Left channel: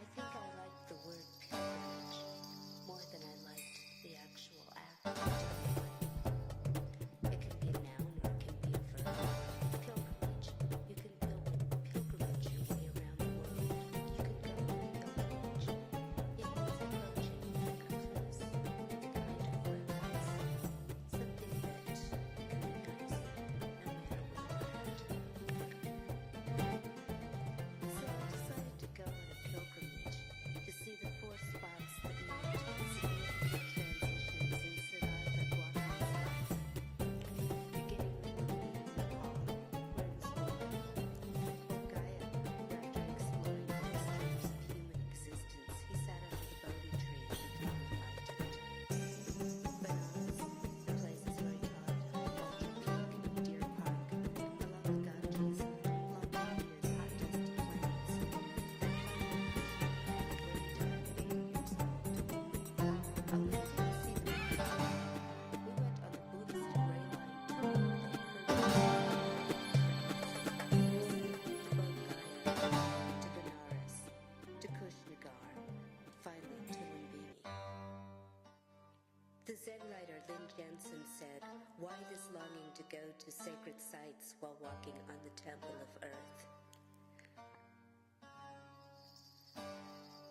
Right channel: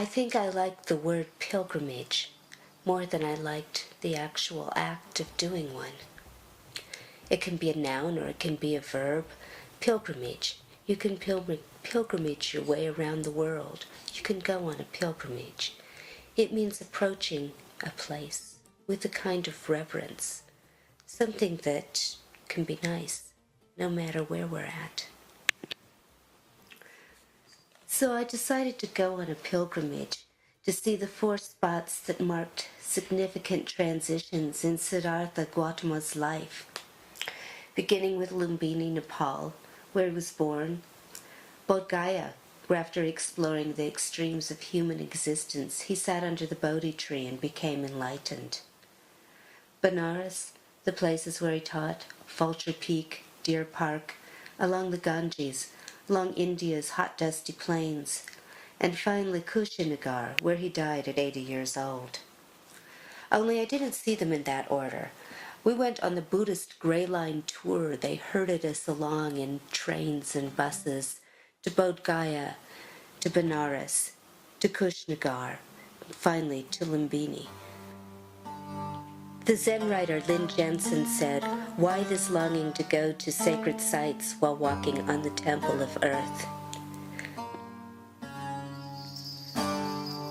I think I liked the word pilgrimage more than I liked the actual act of doing one. It can be a noun or it can be a verb. Pilgrimage. You can pilgrimage your way around the world. You can go on a pilgrimage. It means approaching a place with a kind of reverence, something that can be nice no matter where we're at. So I decided to go on a pilgrimage to see the 4 spots that marked significant transitions in Siddhartha Gautama's life, beginning with Lumbini, Nepal, where he was born; Bodh Gaya, where after exploring the extremes of human existence, he sat under the Bodhi tree and became enlightened; Benares, the places where he taught, Vulture Peak, Deer Park, along the Ganges, along India's hot dusty plains, and finally Kushinagar, where he died at 80 years old. Only I didn't see them in that order. We went on the Buddhist Grey Line tour. They herded us along in trains and buses to Bodh Gaya, to Benares, to Kushinagar, finally to Lumbini. The Zen writer Lin Jensen said, "Why this longing to go to sacred sites while walking on the temple of earth?"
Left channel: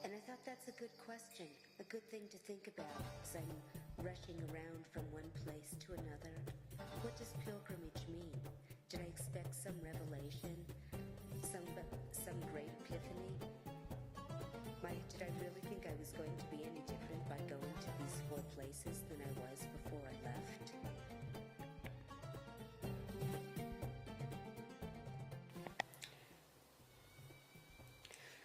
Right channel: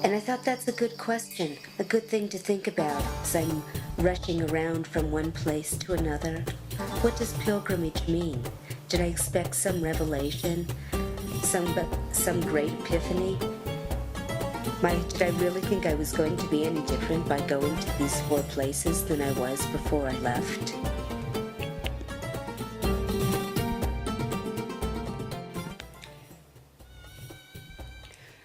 And I thought that's a good question, a good thing to think about as I'm rushing around from one place to another. What does pilgrimage mean? Did I expect some revelation? Some great epiphany? Did I really think I was going to be any different by going to these 4 places than I was before I left?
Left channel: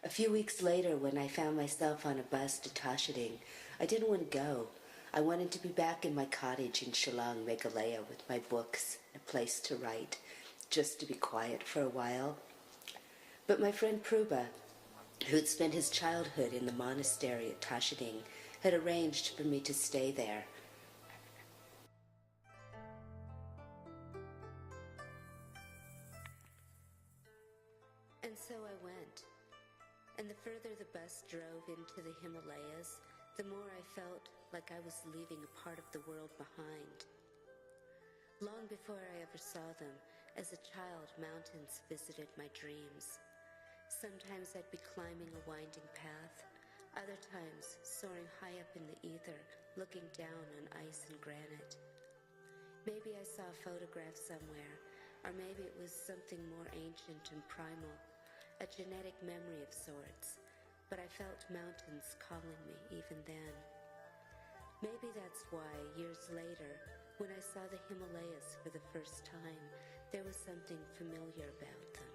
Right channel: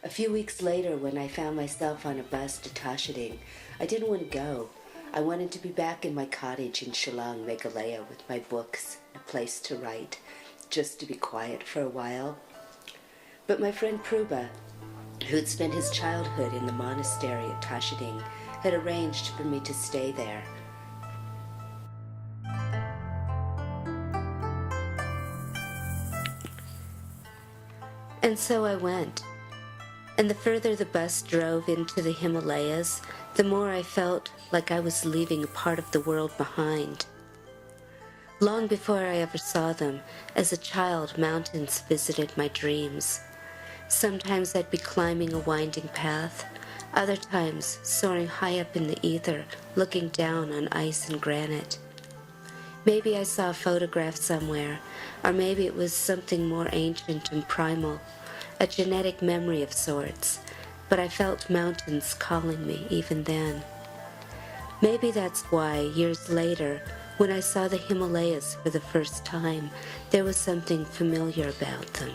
A few weeks later, when I found myself on a bus to Tashading, I didn't want to go. I wanted to be back in my cottage in Shillong, Meghalaya, with my books, a place to write, just to be quiet for a while. But my friend Pruba, who had spent his childhood in the monastery at Tashading, had arranged for me to stay there. And so I went. And the further the bus drove into the Himalayas, the more I felt like I was leaving a part of the world behind. Long before I ever saw them, as a child, mountains visited my dreams. Sometimes I'd be climbing a winding path, other times soaring high up in the ether, looking down on ice and granite. Maybe I saw a photograph somewhere, or maybe it was something more ancient and primal, a genetic memory of sorts, but I felt mountains calling me even then. Maybe that's why, years later, when I saw the Himalayas for the first time, there was something familiar about them.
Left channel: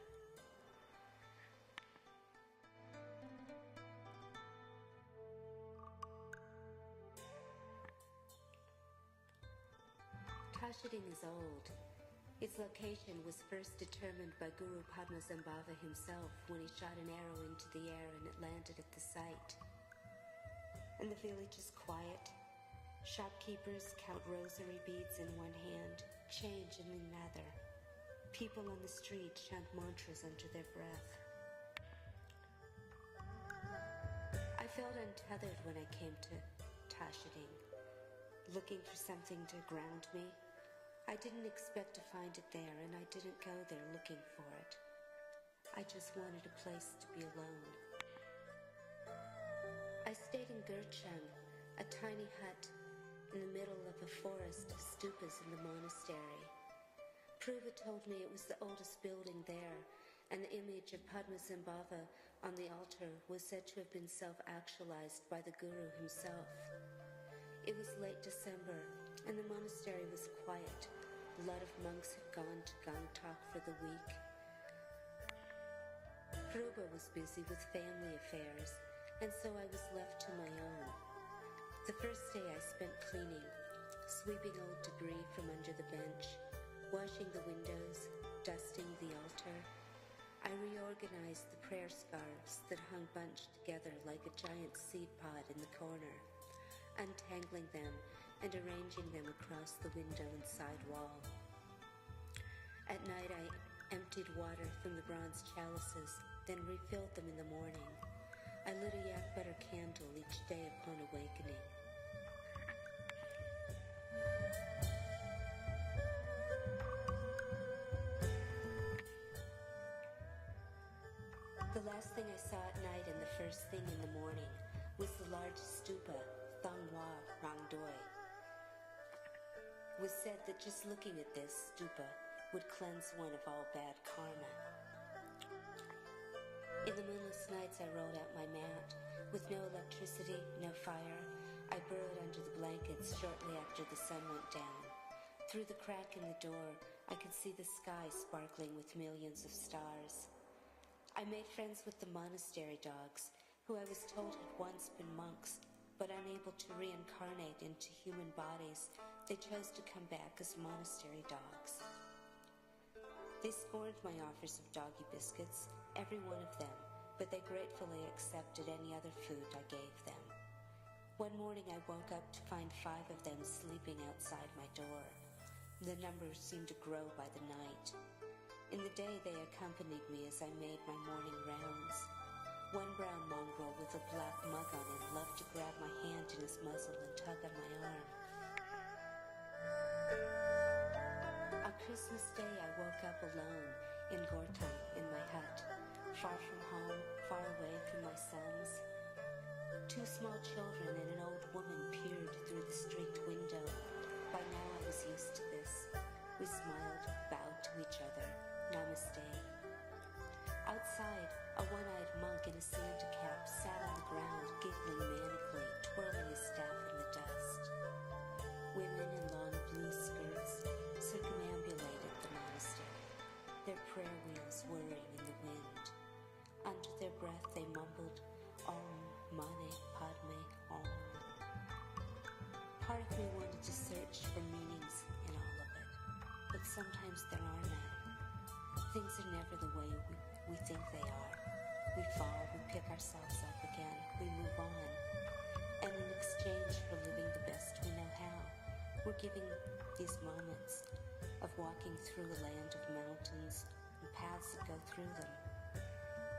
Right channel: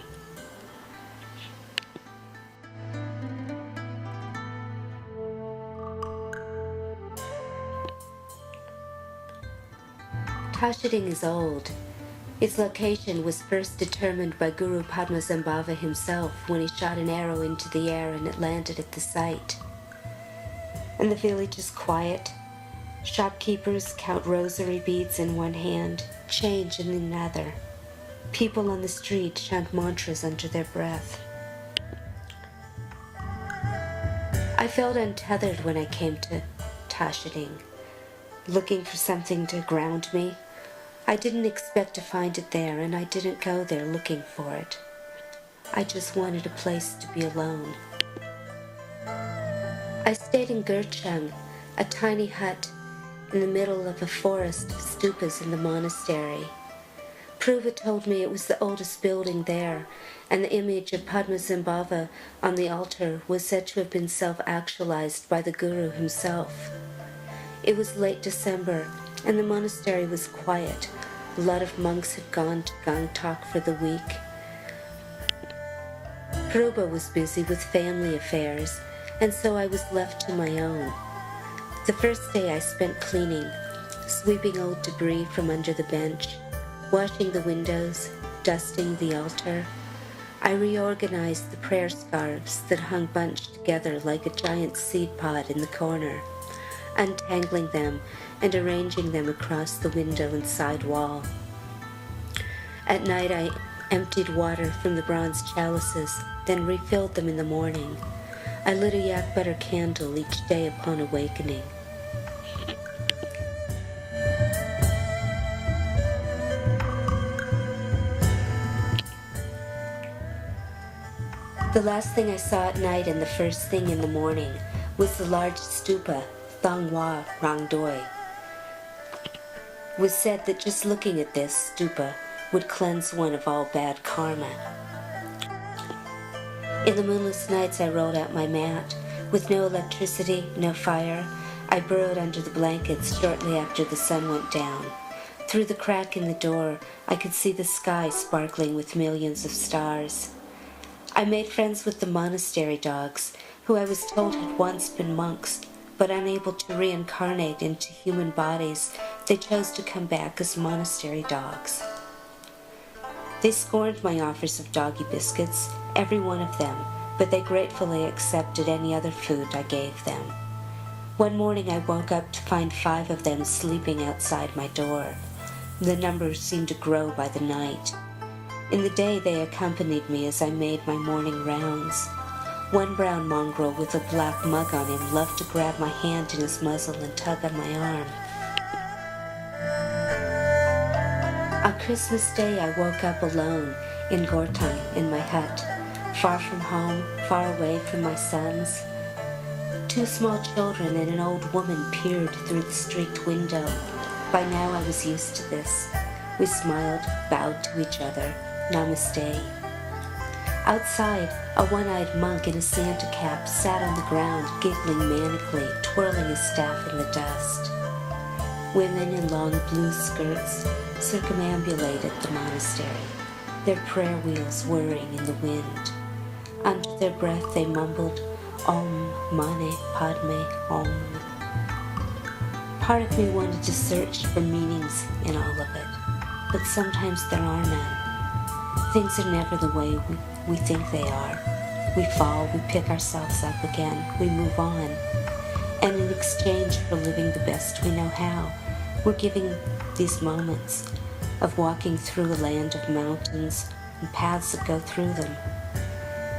Tashading is old. Its location was first determined by Guru Padmasambhava himself when he shot an arrow into the air and it landed at the site. And the village is quiet. Shopkeepers count rosary beads in one hand, change in another. People on the street chant mantras under their breath. I felt untethered when I came to Tashading, looking for something to ground me. I didn't expect to find it there, and I didn't go there looking for it. I just wanted a place to be alone. I stayed in Gurchang, a tiny hut in the middle of a forest of stupas in the monastery. Pruva told me it was the oldest building there, and the image of Padmasambhava on the altar was said to have been self-actualized by the Guru himself. It was late December, and the monastery was quiet. A lot of monks had gone to Gangtok for the week. Pruba was busy with family affairs, and so I was left to my own. The first day I spent cleaning, sweeping old debris from under the bench, washing the windows, dusting the altar. I reorganized the prayer scarves that hung bunched together like a giant seed pod in the corner, untangling them and arranging them across the window and side wall. At night I emptied water from the bronze chalices, then refilled them in the morning. I lit a yak butter candle each day upon awakening. The last thing I saw at night and the first thing in the morning was the large stupa, Thangwa Rangdoi. It was said that just looking at this stupa would cleanse one of all bad karma. In the moonless nights I rolled out my mat. With no electricity, no fire, I burrowed under the blankets shortly after the sun went down. Through the crack in the door, I could see the sky sparkling with millions of stars. I made friends with the monastery dogs, who I was told had once been monks, but unable to reincarnate into human bodies, they chose to come back as monastery dogs. They scorned my offers of doggy biscuits, every one of them, but they gratefully accepted any other food I gave them. One morning I woke up to find 5 of them sleeping outside my door. The number seemed to grow by the night. In the day they accompanied me as I made my morning rounds. One brown mongrel with a black mug on him loved to grab my hand in his muzzle and tug on my arm. On Christmas Day I woke up alone in Gortang in my hut, far from home, far away from my sons. 2 small children and an old woman peered through the streaked window. By now I was used to this. We smiled, bowed to each other. Namaste. Outside, a one-eyed monk in a Santa cap sat on the ground, giggling manically, twirling his staff in the dust. Women in long blue skirts circumambulated the monastery, their prayer wheels whirring in the wind. Under their breath they mumbled, Om Mane Padme Om. Part of me wanted to search for meanings in all of it, but sometimes there are none. Things are never the way we think they are. We fall, we pick ourselves up again, we move on. And in exchange for living the best we know how, we're giving these moments of walking through a land of mountains and paths that go through them.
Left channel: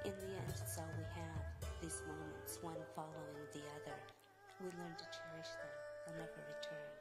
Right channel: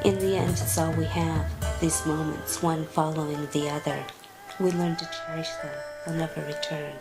In the end, it's all we have, these moments, one following the other. We learn to cherish them. They'll never return.